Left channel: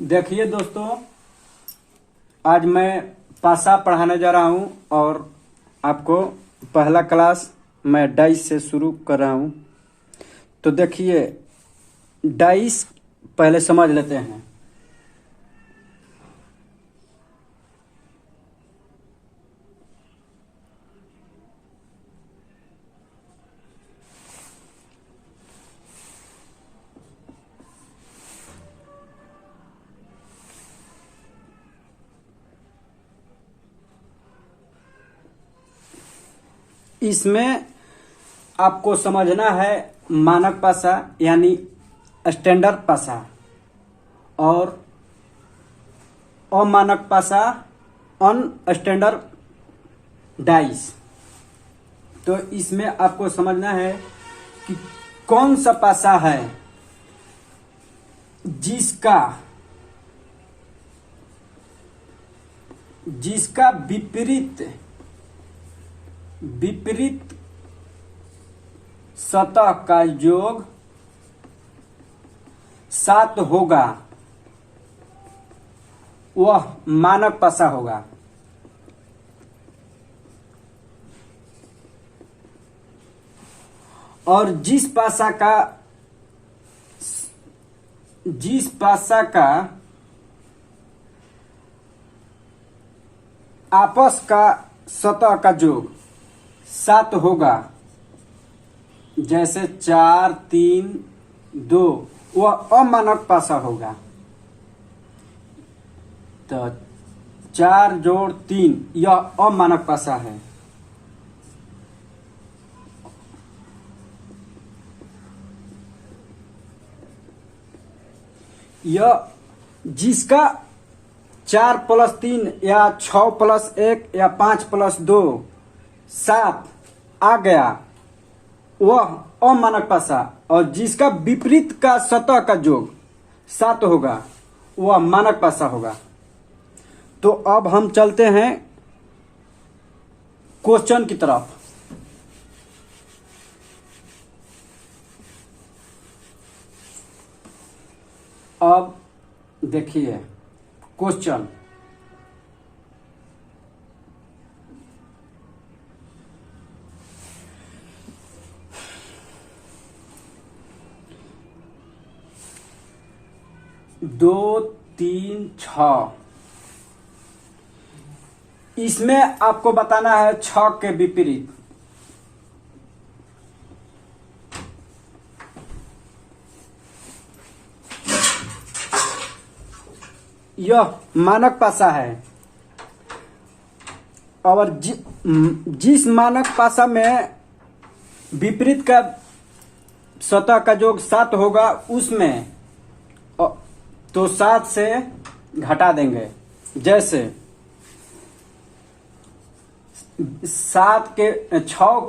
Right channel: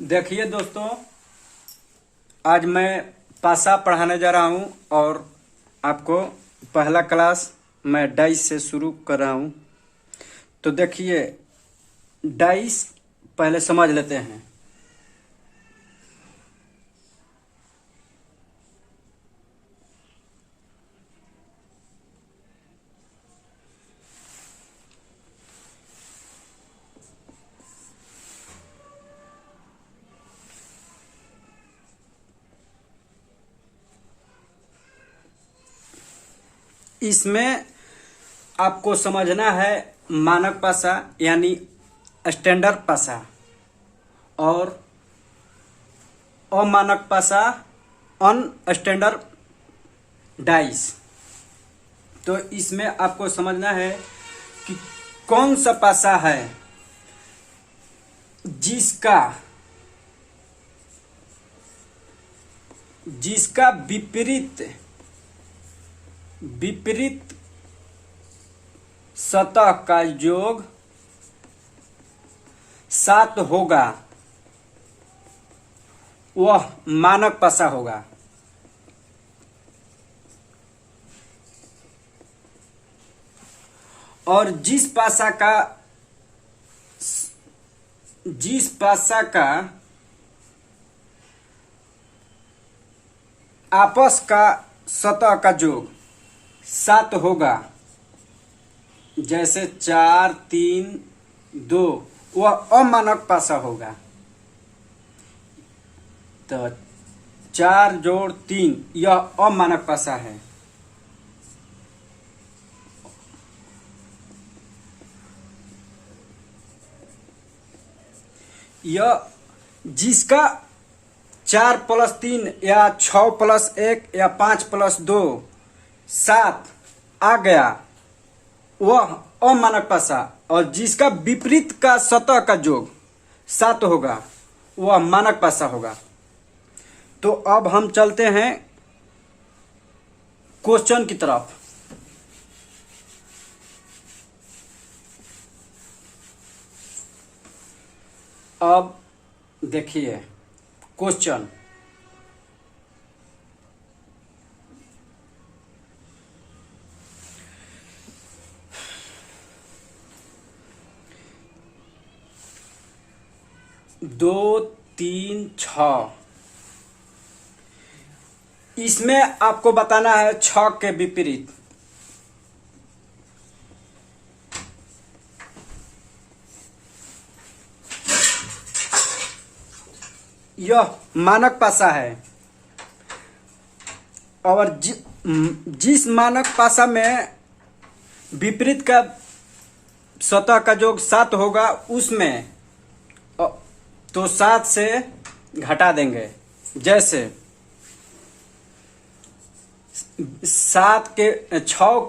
देखिए दोस्तों, आज मैं पासा पढ़ाने जा रहा हूँ और आपको पहला क्लास मैं डाइस से शुरू कर रहा हूँ। तो देखिए, डाइस पहले समझ लेते हैं। इसमें आपको समझना है मानक पासा यानी स्टैंडर्ड पासा और अमानक पासा अनस्टैंडर्ड डाइस। तो इसमें आपको समझना है कि कौन सा पासा है जिसका विपरीत सतह का योग 7 होगा, वह मानक पासा होगा। और जिस पासा का आपस का सतह का योग 7 होगा, जैसे 4, 3, 2, वह अमानक पासा होगा। तो 4 जोड़ 3 यह अमानक पासा है। यह जिसका 4 + 3 या 6 + 1 या 5 + 2 7 आ गया, वह अमानक पासा। और जिसका विपरीत का सतह का योग 7 होगा, वह मानक पासा होगा। तो अब हम चलते हैं क्वेश्चन की तरफ। अब देखिए क्वेश्चन। दो, 3, 6, इसमें आपको बताना है 6 के विपरीत। यह मानक पासा है और जिस मानक पासा में विपरीत का सतह का योग 7 होगा, उसमें तो 7 से घटा देंगे। जैसे 6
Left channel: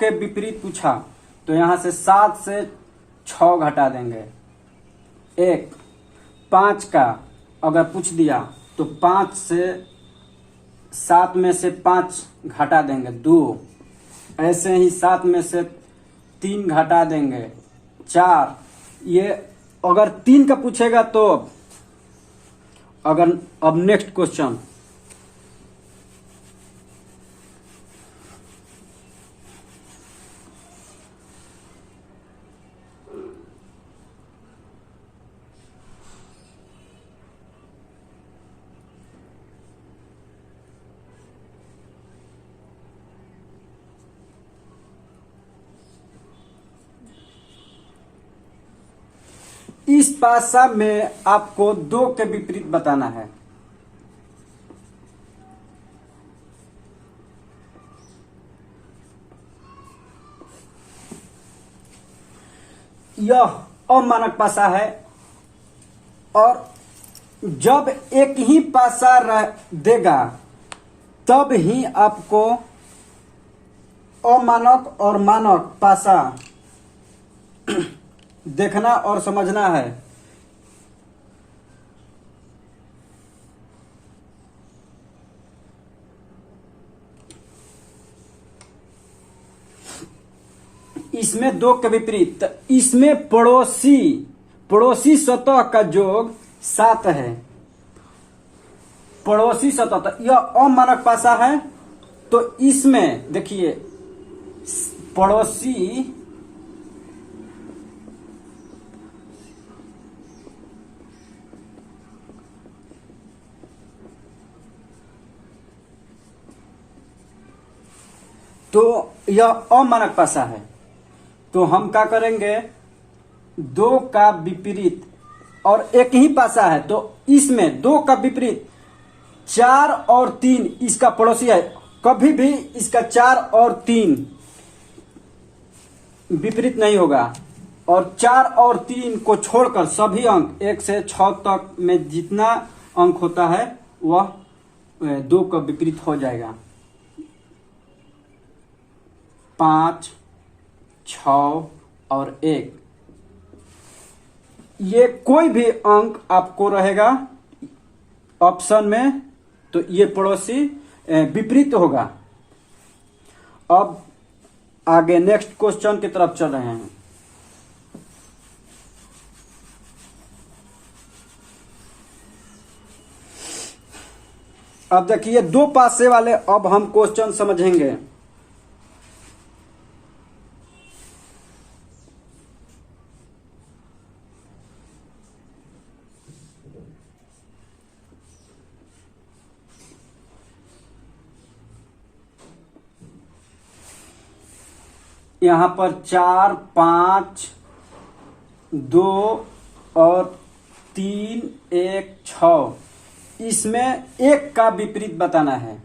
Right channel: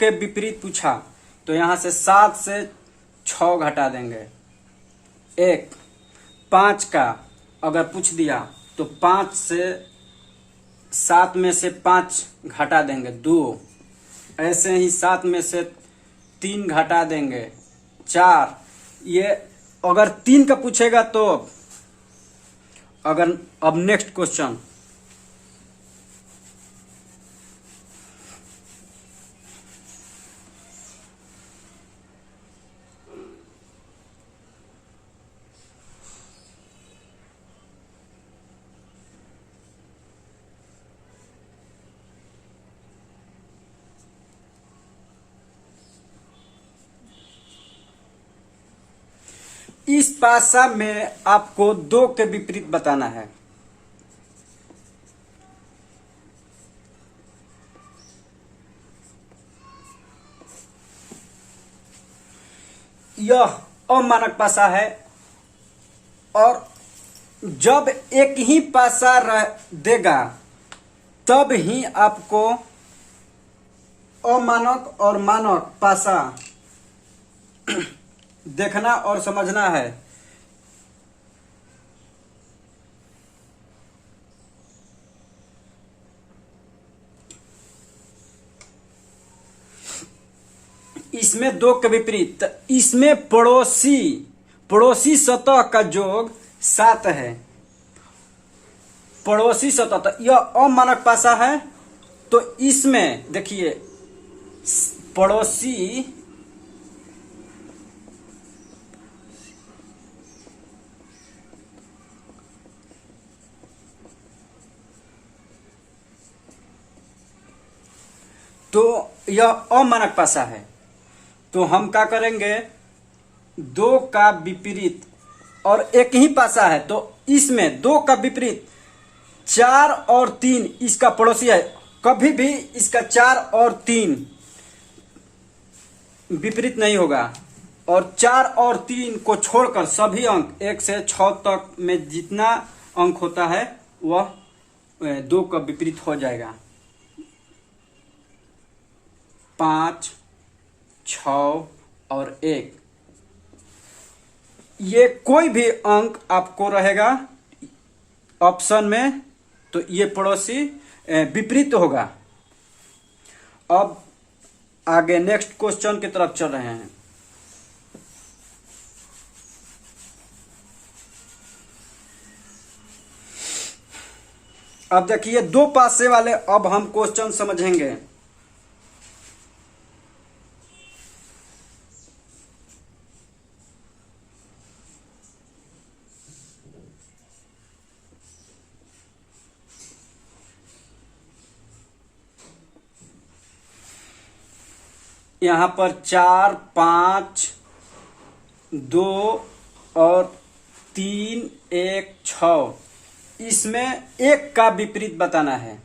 के विपरीत पूछा, तो यहां से 7 से 6 घटा देंगे। 1 5 का अगर पूछ दिया तो 5 से 7 में से 5 घटा देंगे, 2। ऐसे ही 7 में से 3 घटा देंगे, 4। ये अगर 3 का पूछेगा तो अब नेक्स्ट क्वेश्चन। इस पासा में आपको 2 के विपरीत बताना है। यह अमानक पासा है और जब एक ही पासा देगा तब ही आपको अमानक और मानक पासा देखना और समझना है। इसमें 2 के विपरीत, इसमें पड़ोसी सतह का योग 7 है। पड़ोसी सतह, तो यह अमानक पासा है। तो इसमें देखिए पड़ोसी तो यह अमानक पासा है, तो हम क्या करेंगे, दो का विपरीत और एक ही पासा है, तो इसमें दो का विपरीत 4 और 3 इसका पड़ोसी है। कभी भी इसका 4 और 3 विपरीत नहीं होगा, और 4 और 3 को छोड़कर सभी अंक 1 से 6 तक में जितना अंक होता है वह 2 का विपरीत हो जाएगा। 5, 6 और 1, ये कोई भी अंक आपको रहेगा ऑप्शन में, तो ये पड़ोसी विपरीत होगा। अब आगे नेक्स्ट क्वेश्चन की तरफ चल रहे हैं। अब देखिए दो पासे वाले अब हम क्वेश्चन समझेंगे। यहां पर 4, 5, 2 और 3, 1, 6, इसमें एक का विपरीत बताना है।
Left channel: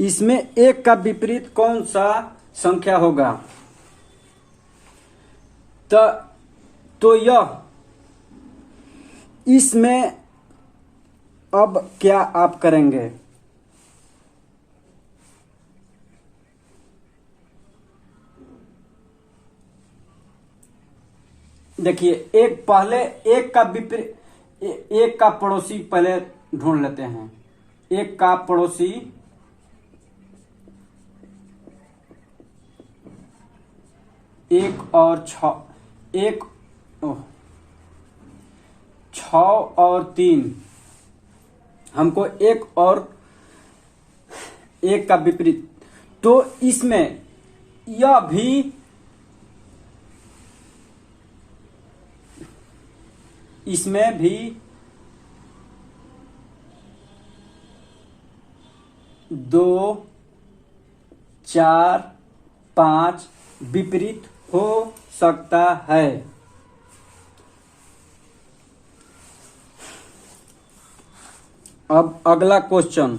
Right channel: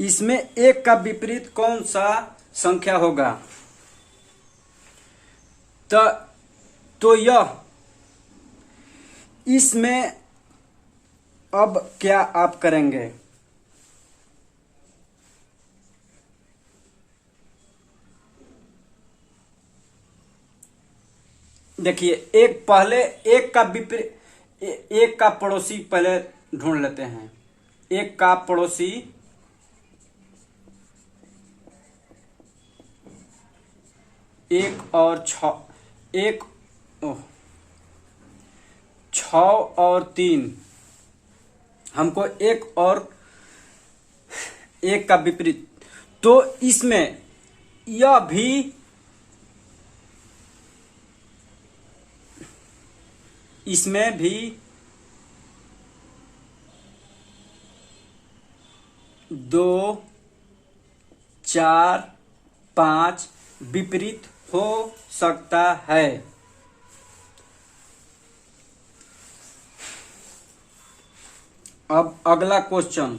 इसमें एक का विपरीत कौन सा संख्या होगा? तो यह इसमें अब क्या आप करेंगे, देखिए एक पहले एक का विपरीत, एक का पड़ोसी पहले ढूंढ लेते हैं। एक का पड़ोसी 1 और 6, 6 और 3, हमको एक और एक का विपरीत, तो इसमें यह भी इसमें भी 2, 4, 5 विपरीत हो सकता है। अब अगला क्वेश्चन,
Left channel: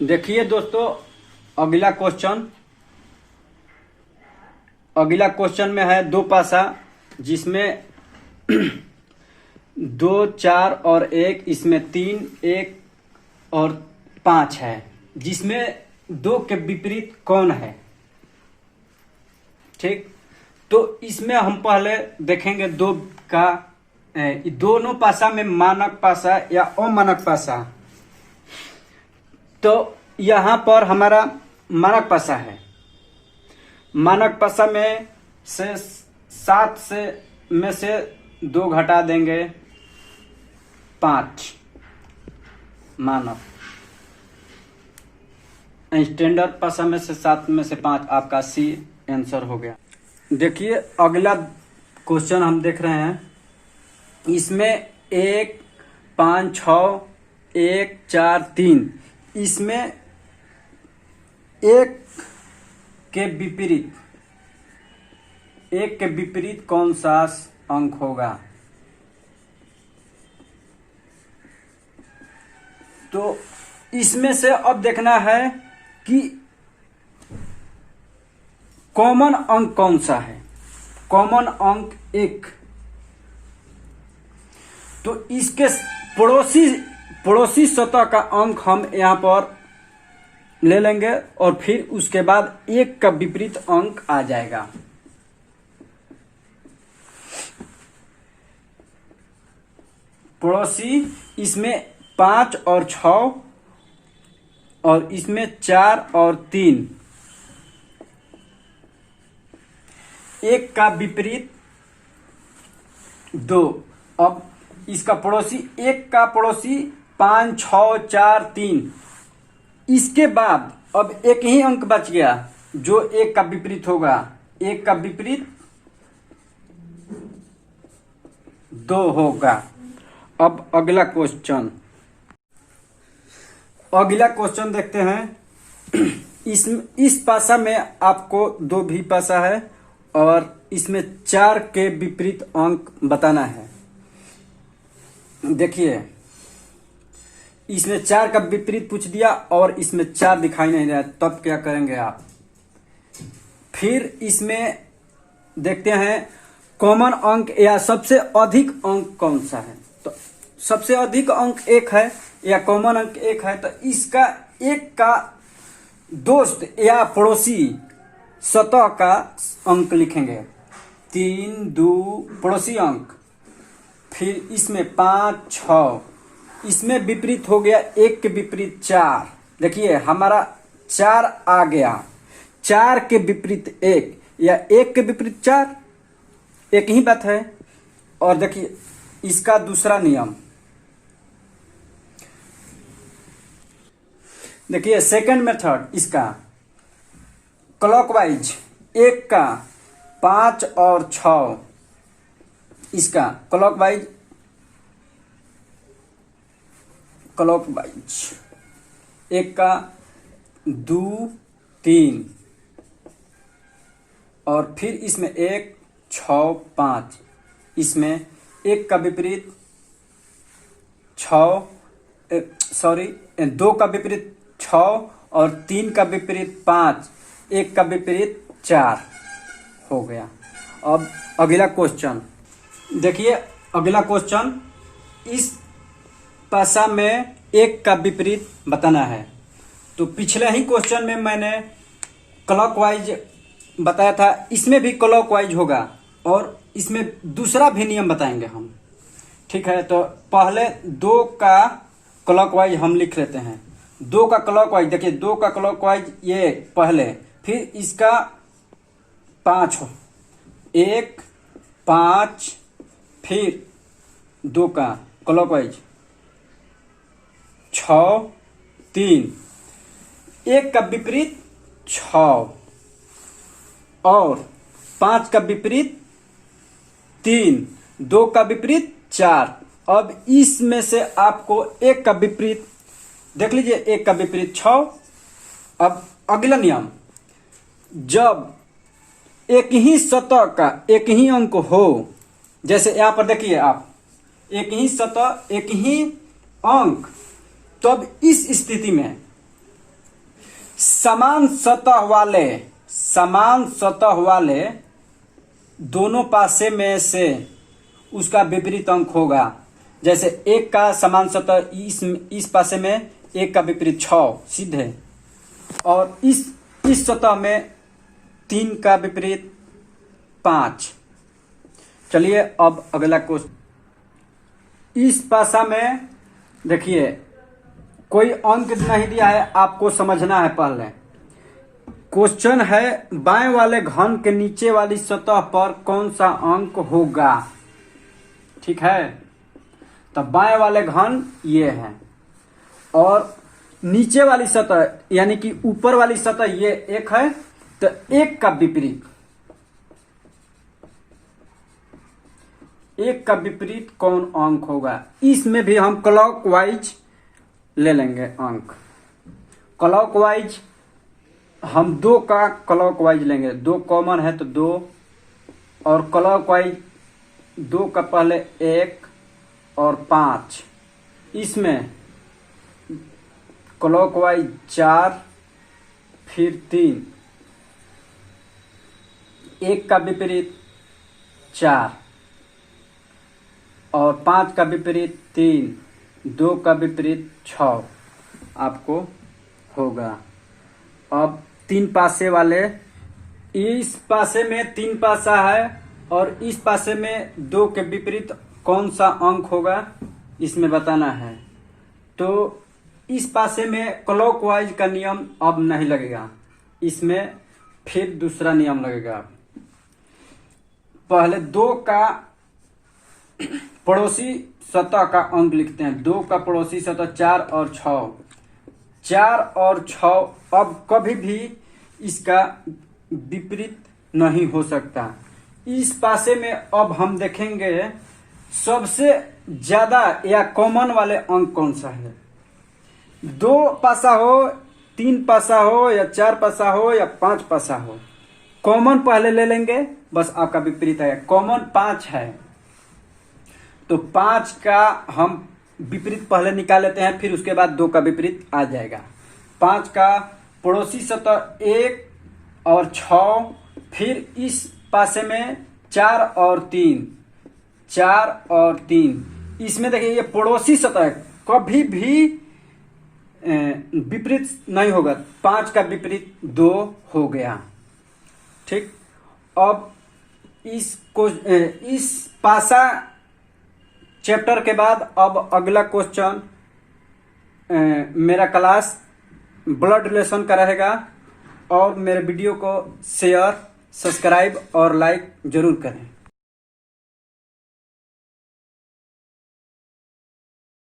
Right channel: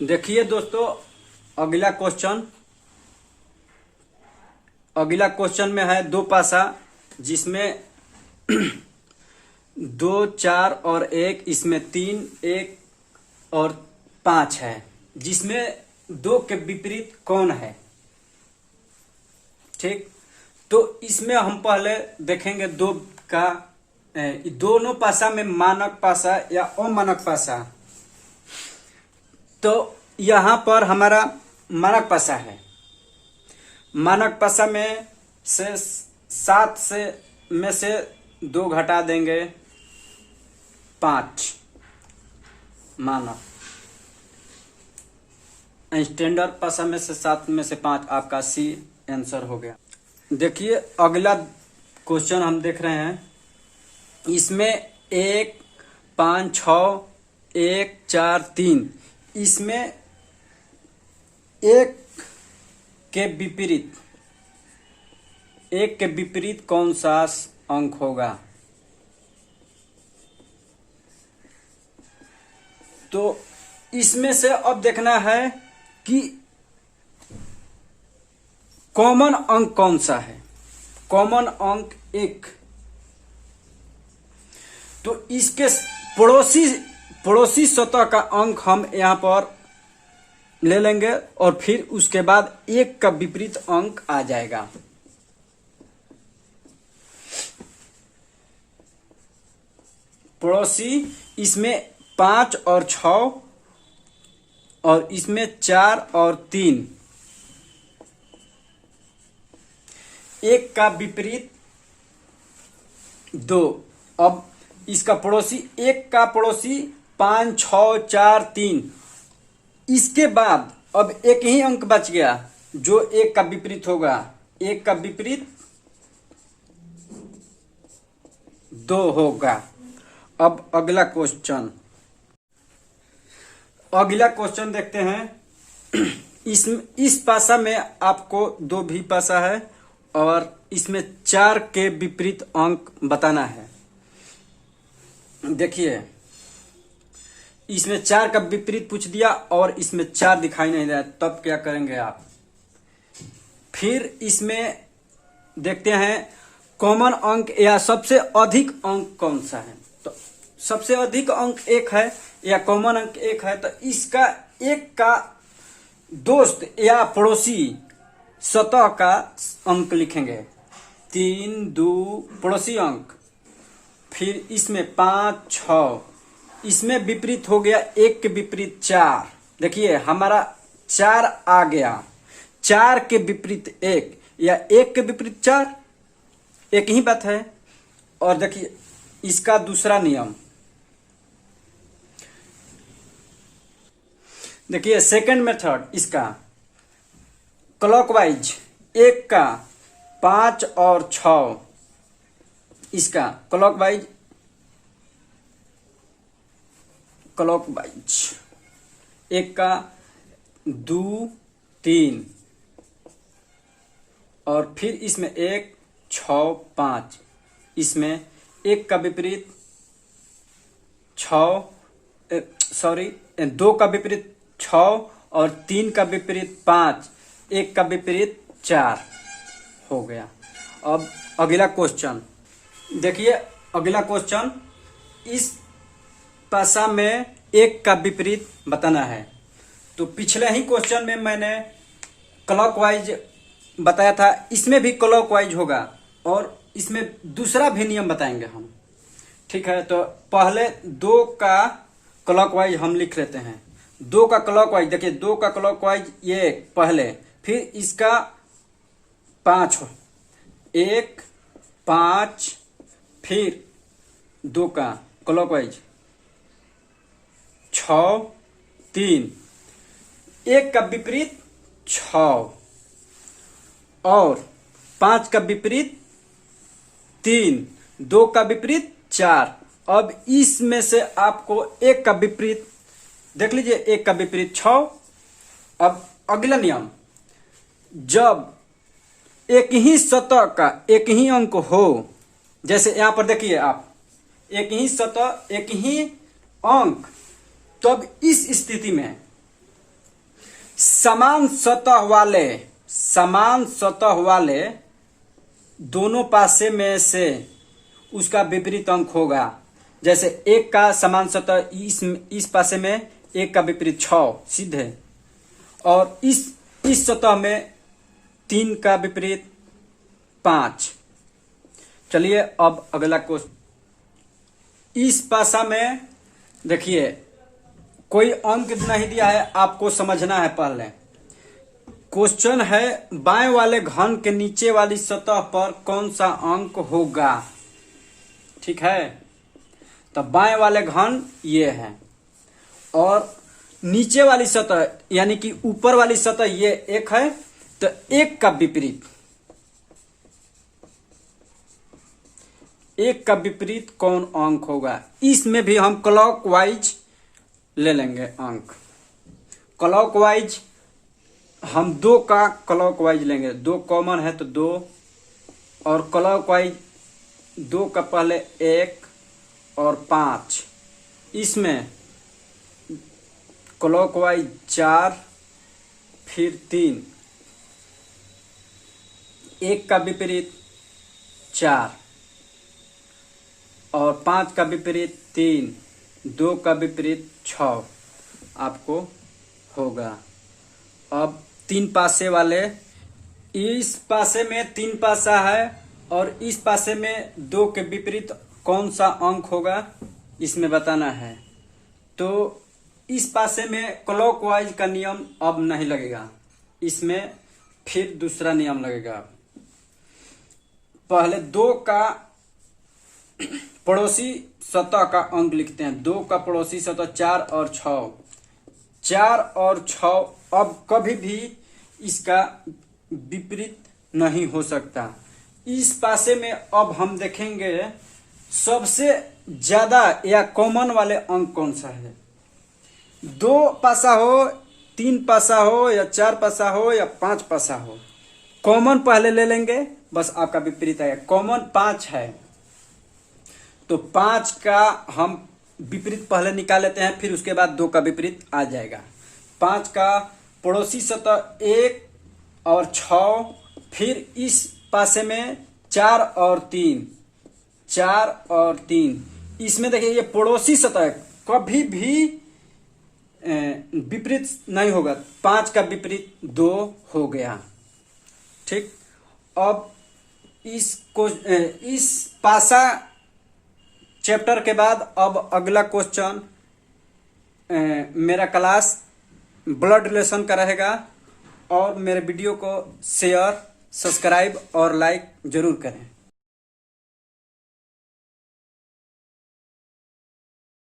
देखिए दोस्तों अगला क्वेश्चन में है दो पासा, जिसमें 2, 4 और 1, इसमें 3, 1 और 5 है, जिसमें 2 के विपरीत कौन है। ठीक, तो इसमें हम पहले देखेंगे दो का दोनों पासा में मानक पासा या अमानक पासा। तो यहां पर हमारा मानक पासा है। मानक पासा में से 7 में से 2 घटा देंगे 5, मानक। स्टैंडर्ड पासा में से 7 में से 5, आपका सी आंसर हो गया। देखिए अगला क्वेश्चन हम देख रहे हैं, इसमें 1, 5, 6, 1, 4, 3, इसमें 1 के विपरीत कौन सा अंक होगा। तो इसमें से अब देखना है कि कॉमन अंक कौन सा है। कॉमन अंक 1, तो इसके पड़ोसी सतह का अंक हम यहां पर ले लेंगे और फिर उसके बाद 1 का विपरीत अंक आ जाएगा। पड़ोसी इसमें 5 और 6 और इसमें 4 और 3, एक का विपरीत 2। अब इसका पड़ोसी, एक का पड़ोसी 5 6 4 3। इसके बाद अब एक ही अंक बच गया जो एक का विपरीत होगा, एक का विपरीत 2 होगा। अब अगला क्वेश्चन देखते हैं। इस पासा में आपको 2 भी पासा है और इसमें 4 के विपरीत अंक बताना है। देखिए, इसमें 4 का विपरीत पूछ दिया और इसमें 4 दिखाई नहीं दे रहा, तब क्या करेंगे आप? फिर इसमें देखते हैं कॉमन अंक या सबसे अधिक अंक कौन सा है। तो सबसे अधिक अंक 1 है या कॉमन अंक 1 है, तो इसका 1 का दोस्त या पड़ोसी सतह का अंक लिखेंगे। 3 2 पड़ोसी अंक, फिर इसमें 5 6, इसमें विपरीत हो गया 1 के विपरीत 4। देखिए हमारा 4 आ गया, 4 के विपरीत 1 या 1 के विपरीत 4, एक ही बात है। और देखिए इसका दूसरा नियम, देखिए सेकंड मेथड इसका क्लॉकवाइज, 1 का 5 और 6, इसका क्लॉकवाइज 1 का 2 3 और फिर इसमें 1 6 5, इसमें 1 का विपरीत 2 का विपरीत 6 और 3 का विपरीत 5, 1 का विपरीत 4 हो गया। अब अगला क्वेश्चन देखिए, अगला क्वेश्चन, इस पासा में 1 का विपरीत बताना है। तो पिछले ही क्वेश्चन में मैंने क्लॉकवाइज बताया था, इसमें भी क्लॉकवाइज होगा और इसमें दूसरा भी नियम बताएंगे हम। ठीक है, तो पहले 2 का क्लॉकवाइज हम लिख लेते हैं। 2 का क्लॉकवाइज, देखिए 2 का क्लॉकवाइज ये पहले, फिर इसका 5, 1 5, फिर 2 का क्लॉकवाइज 6 3, 1 का विपरीत 6 और 5 का विपरीत 3, 2 का विपरीत 4। अब इसमें से आपको 1 का विपरीत देख लीजिए, 1 का विपरीत 6। अब अगला नियम, जब एक ही सतह का एक ही अंक हो, जैसे यहां पर देखिए आप, एक ही सतह एक ही अंक, तब इस स्थिति में समान सतह वाले दोनों पासे में से उसका विपरीत अंक होगा। जैसे 1 का समान सतह इस पासे में 1 का विपरीत 6 सीधे, और इस सतह में 3 का विपरीत 5। चलिए अब अगला क्वेश्चन, इस पासा में देखिए कोई अंक नहीं दिया है, आपको समझना है। पहले क्वेश्चन है बाएं वाले घन के नीचे वाली सतह पर कौन सा अंक होगा। ठीक है, तो बाएं वाले घन ये है और नीचे वाली सतह यानी कि ऊपर वाली सतह ये 1 है, तो 1 का विपरीत, 1 का विपरीत कौन अंक होगा। इसमें भी हम क्लॉकवाइज ले लेंगे अंक। क्लॉकवाइज हम 2 का क्लॉकवाइज लेंगे, 2 कॉमन है तो 2, और क्लॉकवाइज 2 का पहले 1 और 5, इसमें क्लॉकवाइज 4 फिर 3, 1 का विपरीत 4 और 5 का विपरीत 3, 2 का विपरीत 6 आपको होगा। अब 3 पासे वाले, इस पासे में 3 पासा है और इस पासे में 2 के विपरीत कौन सा अंक होगा इसमें बताना है। तो इस पासे में क्लॉकवाइज का नियम अब नहीं लगेगा, इसमें फिर दूसरा नियम लगेगा। पहले 2 का पड़ोसी सतह का अंक लिखते हैं। 2 का पड़ोसी सतह 4 और 6, 4 और 6 अब कभी भी इसका विपरीत नहीं हो सकता। इस पासे में अब हम देखेंगे सबसे ज्यादा या कॉमन वाले अंक कौन सा है। 2 पासा हो, 3 पासा हो, या 4 पासा हो, या 5 पासा हो, कॉमन पहले ले लेंगे, बस आपका विपरीत आएगा। कॉमन 5 है तो 5 का हम विपरीत पहले निकाल लेते हैं, फिर उसके बाद 2 का विपरीत आ जाएगा। 5 का पड़ोसी सतह 1 और 6, फिर इस पासे में 4 और 3, 4 और 3। इसमें देखिए ये पड़ोसी सतह कभी भी विपरीत नहीं होगा। 5 का विपरीत 2 हो गया। ठीक, अब इस पासा चैप्टर के बाद अब अगला क्वेश्चन मेरा क्लास ब्लड रिलेशन का रहेगा। और मेरे वीडियो को शेयर, सब्सक्राइब और लाइक जरूर करें।